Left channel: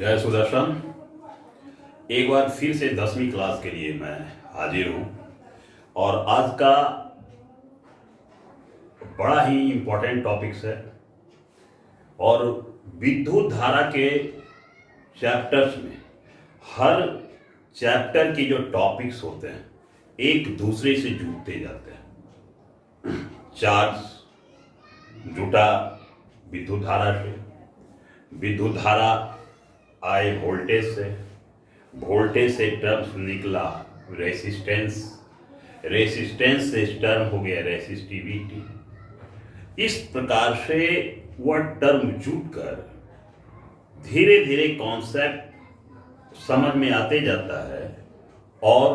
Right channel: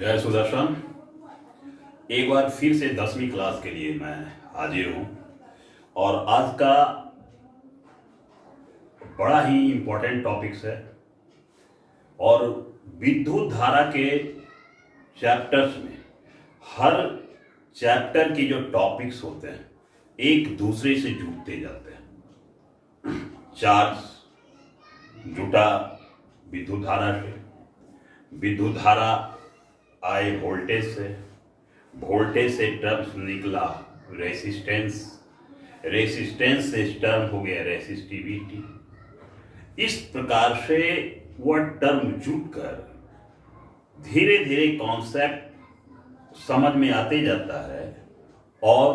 जय सुदर्शन। एक बार फिर से 10वीं क्लास के लिए मैं हाजिर हूं और आज का बड़ा ही इम्पोर्टेंट टॉपिक्स है और विद्युत धारा के चैप्टर्स में हर चैप्टर की जो टॉपिक्स होते हैं एक दूसरे से जुड़ते जाते हैं। चार्ज जुटा विद्युत धारा से, विद्युत धारा आए वोल्टेज से, वोल्टेज से टर्म निकला रेसिस्टेंस, रेसिस्टेंस से टर्म हो गया रेसिस्टिविटी। इस प्रकार से वह टर्म जुटकर धीरे धीरे कॉन्सेप्ट समझ में आते जाता है और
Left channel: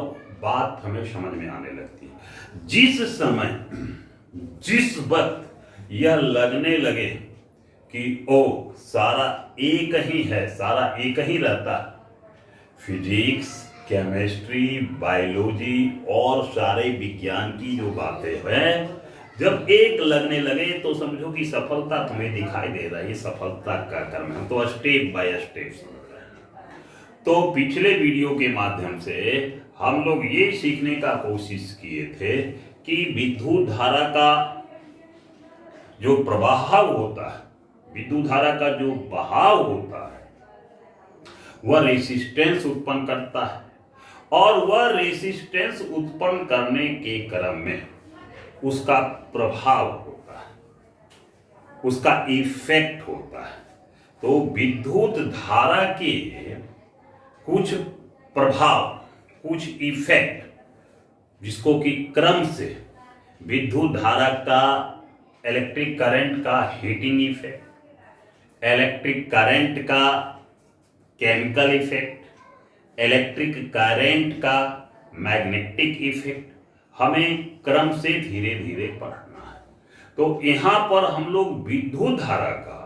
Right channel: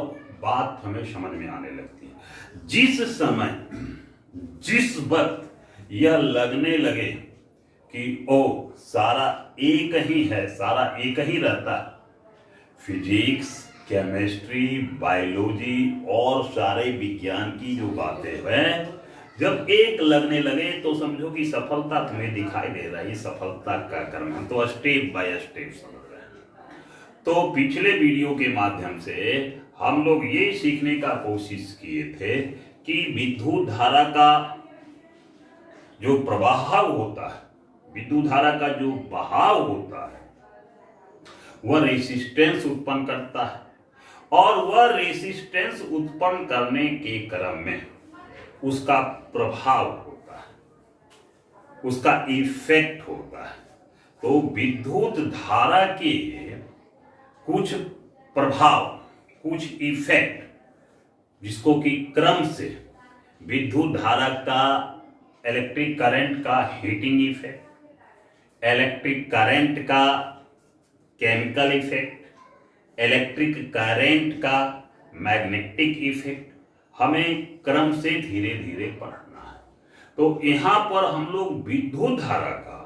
बात हमें समझ में आने लगती है। जिस समय जिस वक्त यह लगने लगे कि ओ सारा एक ही है, सारा एक ही रहता है, फिजिक्स, केमिस्ट्री, बायोलॉजी और सारे विज्ञान की जो बातें हैं जब एक लगने लगे तो समझो कि सफलता तुम्हें दिखाई दे रहा है। ये सफलता का क्रम है, तो स्टेप बाय स्टेप समझ रहे हैं। तो पिछले वीडियो के माध्यम से हम लोग ये सीखने का कोशिश किए थे कि विद्युत धारा का जो प्रवाह होता है, विद्युत धारा का जो बहाव होता है, वह रेसिस्टेंस उत्पन्न करता है और वह रेसिस्टेंस उत्पन्न करने के क्रम में उसका प्रभाव होता है, उसका इफेक्ट होता है। तो विद्युत धारा के कुछ प्रभाव, कुछ इफेक्ट, जिसको कि क्रम से विद्युत धारा का इलेक्ट्रिक करंट का हीटिंग इफेक्ट, इलेक्ट्रिक करंट का केमिकल इफेक्ट, इलेक्ट्रिक करंट का मैग्नेटिक इफेक्ट, हमें क्रम से धीरे धीरे पढ़ना है। तो यहां पर हम लोग विद्युत धारा का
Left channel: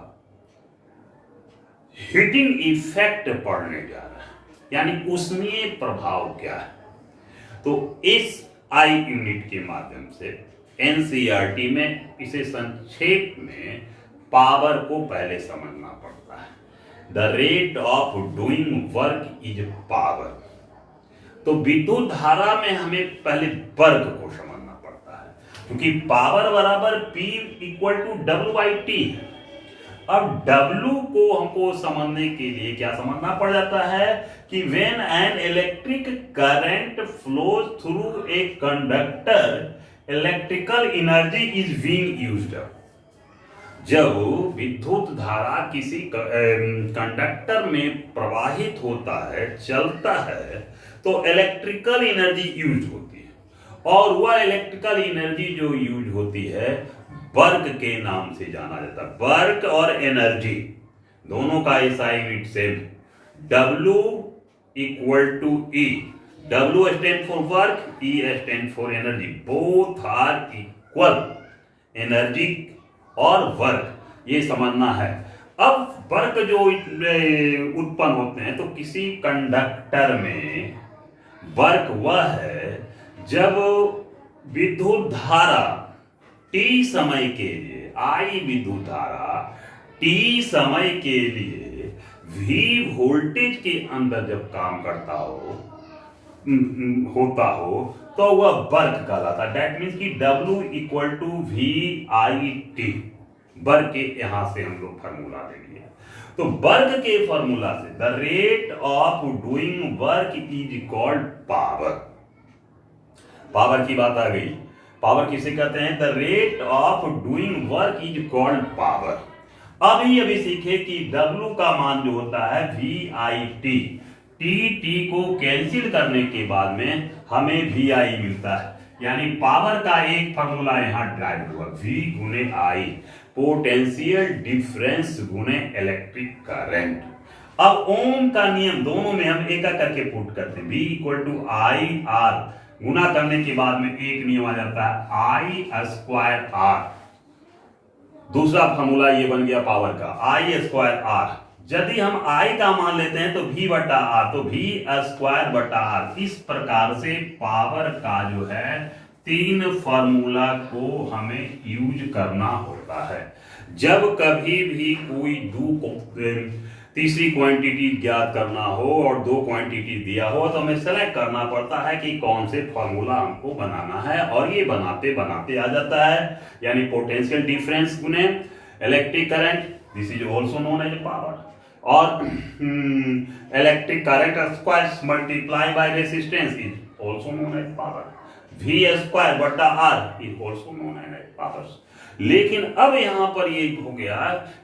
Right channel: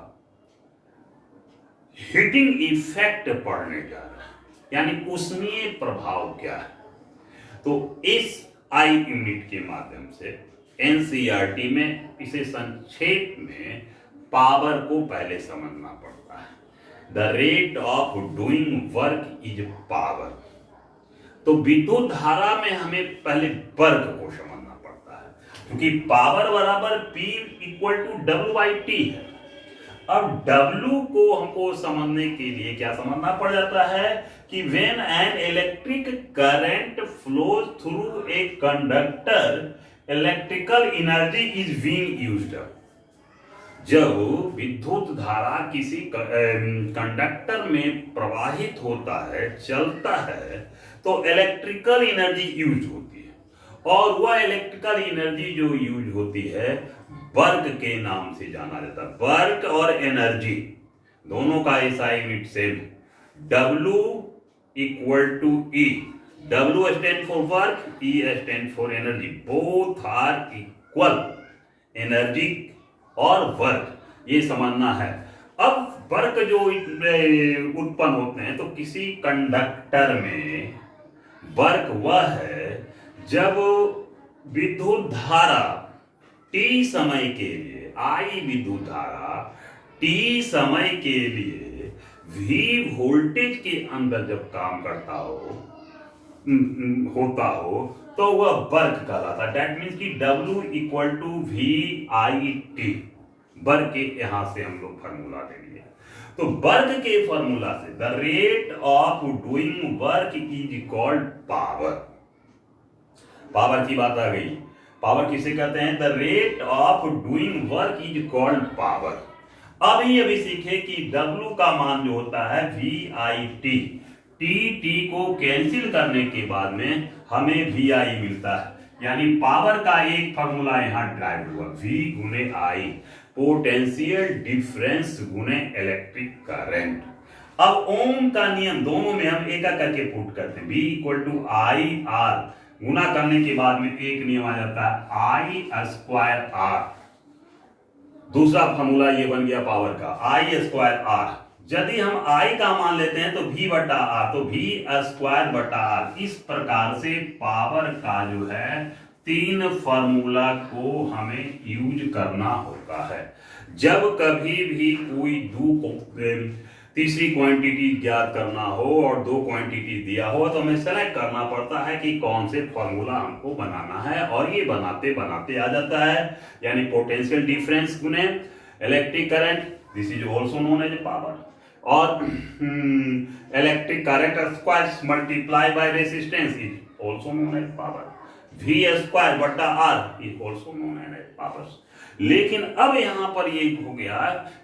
हीटिंग इफेक्ट पढ़ने जा रहे हैं, यानी उसमें प्रभाव क्या है। तो इस आई यूनिट के माध्यम से एनसीईआरटी में इसे संक्षेप में पावर को पहले समझना पड़ता है। The rate of doing work is power. तो विद्युत धारा में हमें पहले वर्क को समझना पड़ता है, क्योंकि पावर बराबर P इक्वल टू W/T है। अब W को हमको समझने के लिए क्या समझना पड़ जाता है कि when an electric current flows through a conductor, electrical energy is being used. जब विद्युत धारा किसी कंडक्टर में प्रवाहित होता है, चलता है, तो इलेक्ट्रिकल एनर्जी यूज होती है और वह इलेक्ट्रिकल एनर्जी जो यूज होती है वर्क के नाम से जाना जाता है। वर्क और एनर्जी दोनों का ऐसा unit same, W equal to E। W stand for work, E stand for energy. Both are equal, energy और वर्क, ये समझना है। अब वर्क जो उत्पन्न होते हैं, तो किसी कंडक्टर में वर्क वह है जब विद्युत धारा T समय के लिए, आई विद्युत धारा T समय के लिए V वोल्टेज के अंदर जब काम करता होता हो तो वह वर्क कहलाता है। दैट मीन्स कि W equal to VIT। Work के यहां से हम लोग फॉर्मूला ले लिए। तो वर्क के फॉर्मूला से the rate of doing work is called power. Power की बात आ गई। पावर किसे कहते हैं? The rate of doing work is called power. अभी सीखे कि W का मान जो होता है VIT, T को कैंसिल करने के बाद में हमें VI मिलता है, यानी पावर का एक फॉर्मूला यहां ड्राइव हुआ, V गुने I, पोटेंशियल डिफरेंस गुने इलेक्ट्रिक करंट। अब ओम का नियम दोनों में हम एक करके पुट करते हैं। V इक्वल टू IR, गुना करने के बाद में एक नियम आ जाता है I²R। दूसरा फॉर्मूला ये बन गया पावर का, I²R। यदि हम I का मान लेते हैं तो V/R, तो V²/R। इस प्रकार से पावर का जो है 3 फॉर्मूला को हमें यूज करना होता है। जब कभी भी कोई तीसरी क्वांटिटी ज्ञात करना हो और दो क्वांटिटी दिया हो तो हमें सेलेक्ट करना पड़ता है कि कौन से फॉर्मूला हमको बनाना है, और ये बनाते बनाते आ जाता है। यानी पोटेंशियल डिफरेंस गुने electric current, this is also known as power, और electric current square multiply by resistance is also known as power, V square बटा R is also known as power. लेकिन अब यहां पर ये हो गया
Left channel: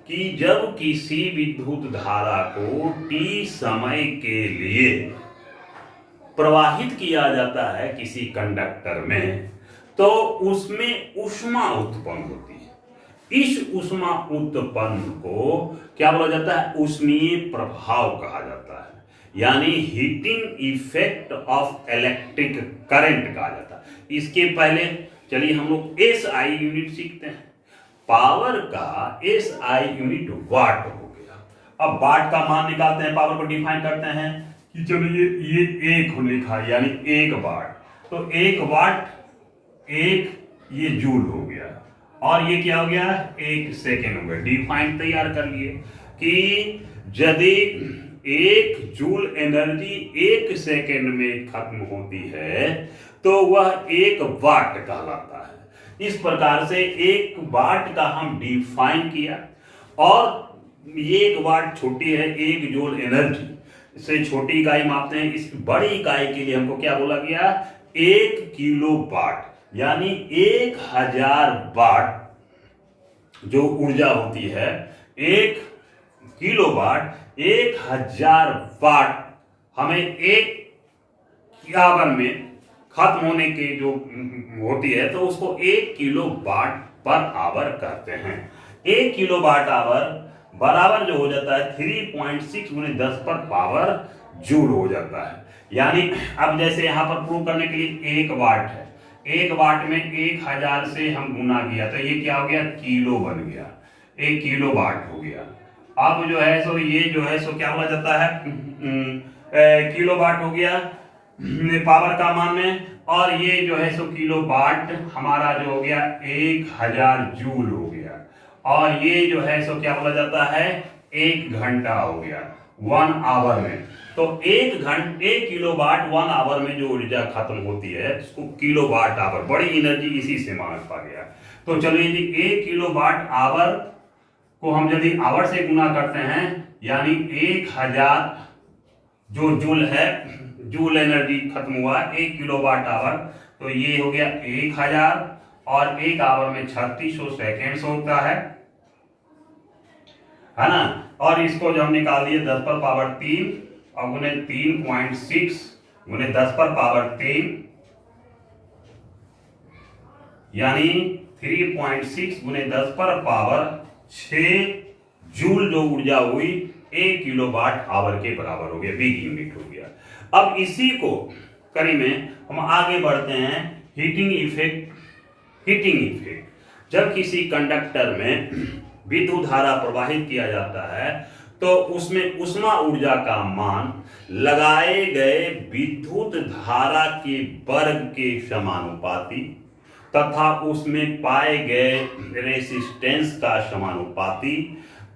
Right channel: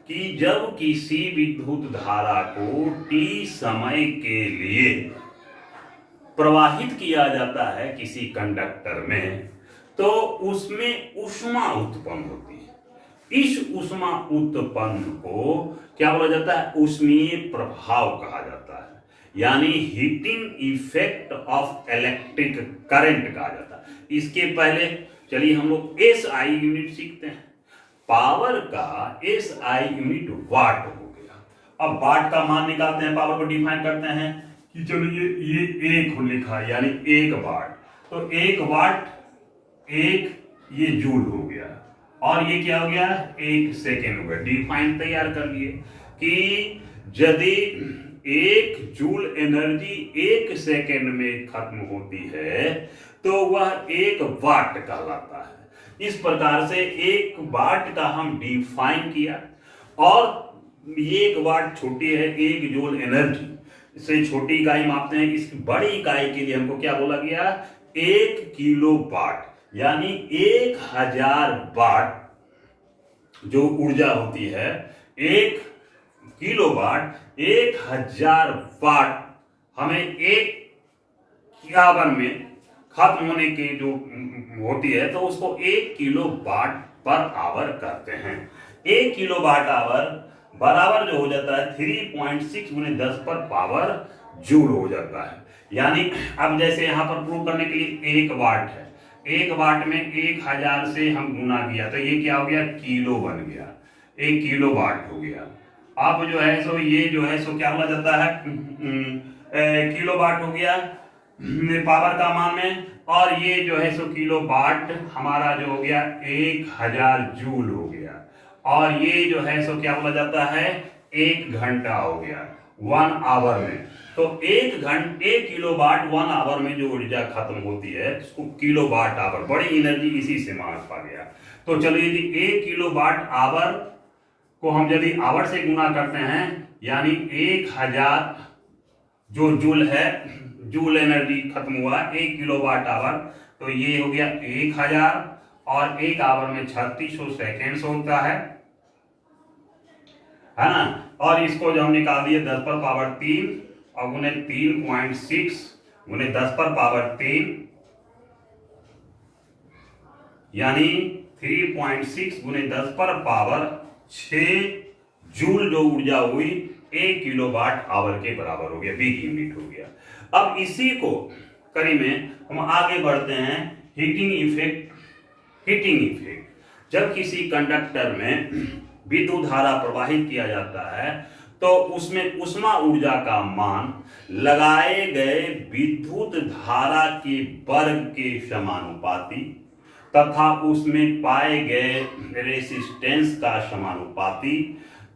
कि जब किसी विद्युत धारा को t समय के लिए प्रवाहित किया जाता है किसी कंडक्टर में, तो उसमें ऊष्मा उत्पन्न होती है। इस ऊष्मा उत्पन्न को क्या बोला जाता है? ऊष्मीय प्रभाव कहा जाता है, यानी heating effect of electric current कहा जाता है। इसके पहले चलिए हम लोग SI यूनिट सीखते हैं। पावर का SI यूनिट वाट हो गया। अब वाट का मान निकालते हैं, पावर को डिफाइन करते हैं कि चलो ये एक लिखा है, यानी 1 वाट, तो 1 वाट 1 ये जूल हो गया, और ये क्या हो गया? 1 सेकेंड हो गया। डिफाइन तैयार कर लिए कि यदि 1 जूल एनर्जी 1 सेकेंड में खत्म होती है तो वह 1 वाट कहलाता है। इस प्रकार से 1 वाट का हम डिफाइन किया, और ये 1 वाट छोटी है 1 जूल एनर्जी से छोटी इकाई मापते हैं। इस बड़ी इकाई के लिए हमको क्या बोला गया? 1 किलो वाट, यानी 1000 वाट जो ऊर्जा होती है, 1 किलो वाट 1000 वाट हमें 1 आवर में खत्म होने की जो होती है, तो उसको 1 किलो वाट पर आवर करते हैं। 1 किलो वाट आवर बराबर जो हो जाता है 3.6 गुने 10 पर पावर जूल हो जाता है। यानी अब जैसे यहां पर प्रूव करने के लिए 1 वाट है, 1 वाट में 1000 से हम गुना किया तो ये क्या हो गया? किलो बन गया, 1 किलो वाट हो गया। अब जो है सो ये जो है सो क्या बोला जाता है? किलो वाट हो गया पावर का मान में, और ये जो है सो किलो वाट हमारा जो हो गया 1000 जूल हो गया, और ये जो है सो क्या बोला जाता है? 1 घंटा हो गया 1 आवर में। तो 1 किलो वाट 1 आवर में जो ऊर्जा खत्म होती है उसको किलो वाट आवर, बड़ी एनर्जी इसी से मापा गया। तो चलिए जी 1 किलो वाट आवर को हम यदि आवर से गुना करते हैं, यानी 1000 जो जूल है, जूल एनर्जी खत्म हुआ 1 किलो वाट आवर, तो ये हो गया 1000, और 1 आवर में 3600 सेकेंड्स होता है ना। और इसको जब हम निकाल दिए 10 पर पावर 3 और गुने 3.6 गुने 10 पर पावर 3, यानी 3.6 गुने 10 पर पावर 6 जूल जो ऊर्जा हुई 1 किलो वाट आवर के बराबर हो गया, बिग यूनिट हो गया। अब इसी को कड़ी में हम आगे बढ़ते हैं। Heating effect. जब किसी कंडक्टर में विद्युत धारा प्रवाहित किया जाता है तो उसमें ऊष्मा ऊर्जा का मान लगाए गए विद्युत धारा के वर्ग के समानुपाती तथा उसमें पाए गए रेसिस्टेंस का समानुपाती,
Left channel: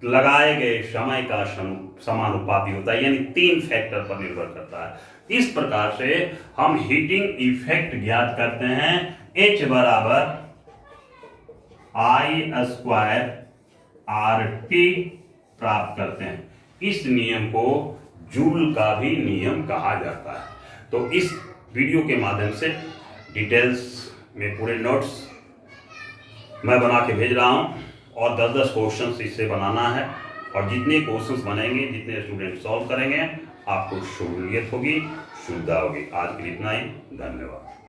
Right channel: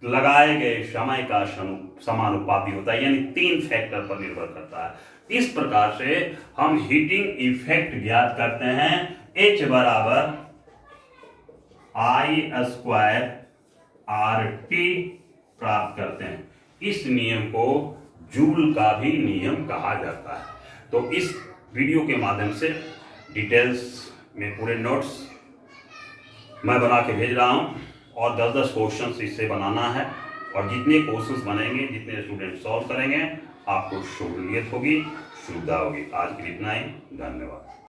लगाए गए समय का समानुपाती होता है, यानी 3 फैक्टर पर निर्भर करता है। इस प्रकार से हम हीटिंग इफेक्ट ज्ञात करते हैं। H बराबर I² RT प्राप्त करते हैं। इस नियम को जूल का भी नियम कहा जाता है। तो इस वीडियो के माध्यम से डिटेल्स में पूरे नोट्स मैं बना के भेज रहा हूं, और 10-10 क्वेश्चन इससे बनाना है, और जितने क्वेश्चंस बनेंगे, जितने स्टूडेंट सॉल्व करेंगे, आपको सहूलियत होगी, सुविधा होगी। आज के लिए इतना ही, धन्यवाद।